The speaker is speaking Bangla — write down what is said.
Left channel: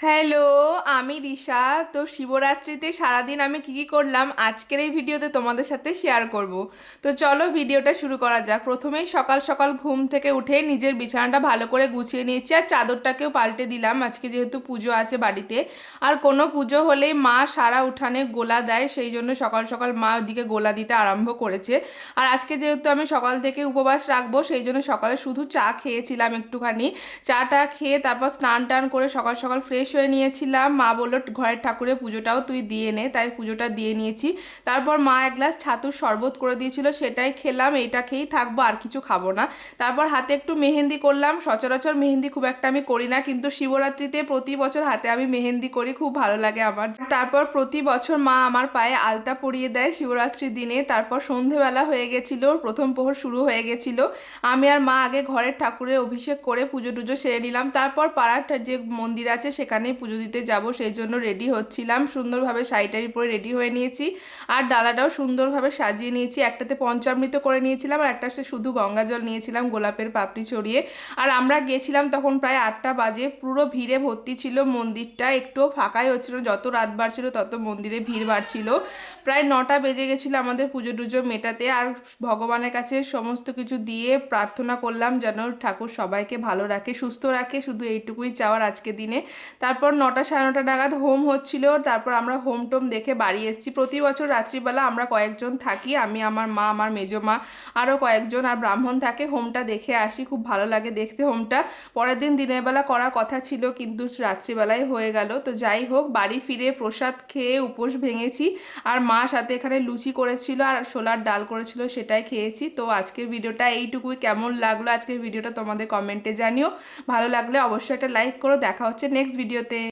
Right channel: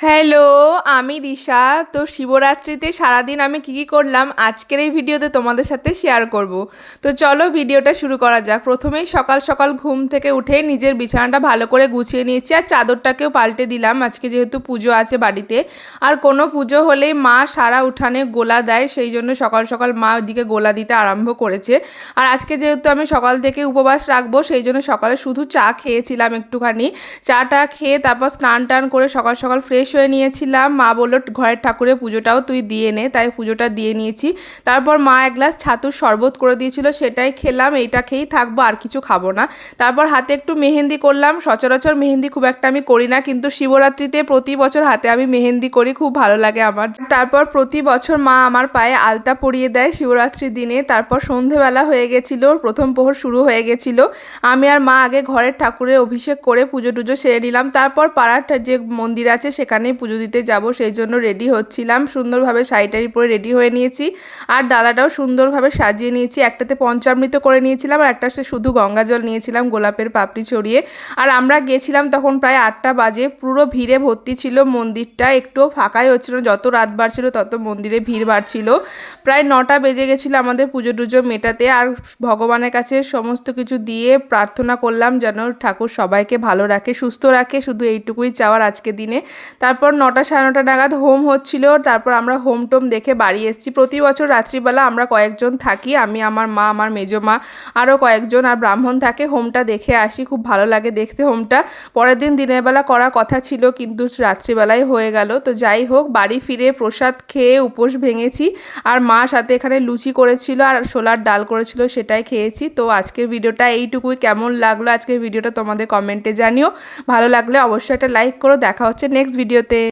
হ্যালো, আমি দিশা। তো শিবরাত্রিতে সারাদিন আমি কি কি করলাম আজকের এই ভিডিওতে তোমাদের সাথে শেয়ার করব। তো চলো ভিডিওটা শুরু করা যাক। প্রথমেই সকাল সকাল ঘুম থেকে উঠে নিজের বিছানাটা ভালো করে গুছিয়ে নিয়েছি আর চাদরটাকেও পাল্টে দিলাম আজকে যেহেতু পুজো আছে বাড়িতে। আর কোনো পুজো হলেই মা সারা উঠানে গোলা দেয়, সেই জন্য সকাল সকাল মা ওইদিকে গোলা দিতে আরম্ভ করেছে। আর আজকে যেহেতু আমি সকাল থেকে উপবাস রাখবো সেই জন্য সকালে শুধু চা খেয়েছিলাম একটুখানি। চাটা খেয়ে তারপর স্নান টান করে সকাল সকাল ফ্রেশ হয়ে নিয়েছিলাম। মা বললো ঘরের ঠাকুরের পুজোটাও তুই দিয়ে নে, তাই পুজোটা দিয়ে নিয়েছি। তারপর মা এক গ্লাস ছাতুর শরবত করে দিয়েছিল, সেটাই খেলাম। এইটা খেয়েই থাকবো, আর কিছু খাবো না। তারপর হাতে একটু মেহেন্দি করলাম। সচরাচর মেহেন্দি খুব একটা আমি করি না, কিন্তু শিবরাত্রিতে প্রতি বছর হাতে আমি মেহেন্দি করি, খুব ভালো লাগে আমার। তারপর প্রতি বছর মা আমার পায়ে আলতা পরিয়ে দেয় শিবরাত্রির দিনে। তারপর সন্ধেবেলা হয়ে গেছিল, প্রথম প্রহর শুরু হয়ে গেছিল। আমি আর মা আগে ঘরের ঠাকুরের অভিষেক করে পুজো টুজো সেরে নিলাম। তারপর পাড়ার যে মন্দির আছে সেখানেই পুজো দিতে যাব, সেই জন্য রেডি হচ্ছিলাম। সুন্দরভাবে শাড়ি টাড়ি পরে রেডি হয়ে নিয়েছি। আর ডালাটাও সুন্দরভাবে সাজিয়ে নিয়েছি। একটাতে পঞ্চামৃত করে নিয়েছিলাম আর একটা শুধু গঙ্গা জল নিয়েছিলাম গোলাপের পাপড়ি ছড়িয়ে। আর আমরা গেছিলাম তখন প্রায় 8টা বাজে। পুরো ভিড়ে ভর্তি ছিল মন্দিরটা, একটুও ফাঁকাই হচ্ছিল না। যত রাত বাড়ছিল তত মন্দিরে ভিড় বাড়ছিল। প্রায় 9টা বেজে গেছিলো আমাদের পুজো টুজো মেটাতে। আর ভগবানের কাছে সমস্ত কিছু দিয়ে প্রার্থনা করলাম যেন ঠাকুর সবাইকে ভালো রাখে, সুস্থ রাখে, শুধু এইটুকুই চাওয়ার আজকে দিনে। তারপর 9টা সাড়ে 9টা নাগাদ হোম হচ্ছিল। তারপর আমরা হোম টোম দেখে বাড়ি এসেছি। প্রতি বছর রাত্রিবেলা আমরা কয়েকজন থাকি, আমি, আমার মা, আমার মেজো মা, আরও কয়েকজন, আর ব্রাহ্মণ থাকে। হোমটা দেখে আসি, খুব ভালো লাগে দেখতে হোমটা। পরের দিন দিনের বেলা করার কথা ছিল কিন্তু রাত্রিবেলায় হয়ে গেল। তো যাই হোক, বাড়ি ফিরে প্রসাদ খেয়ে উপোস ভেঙেছি। আর মা সাথে এখানে লুচি করেছিল আর ছোলার ডাল করেছিল, সেটাই খেয়েছি। তো আজকের ভিডিওটা এইটুকুই। কেমন লাগলো আজকের ভিডিওটা তোমাদের কমেন্টে জানিও। ভালো লাগলে অবশ্যই একটা লাইক করো। দেখা হচ্ছে নেক্সট ভিডিওতে।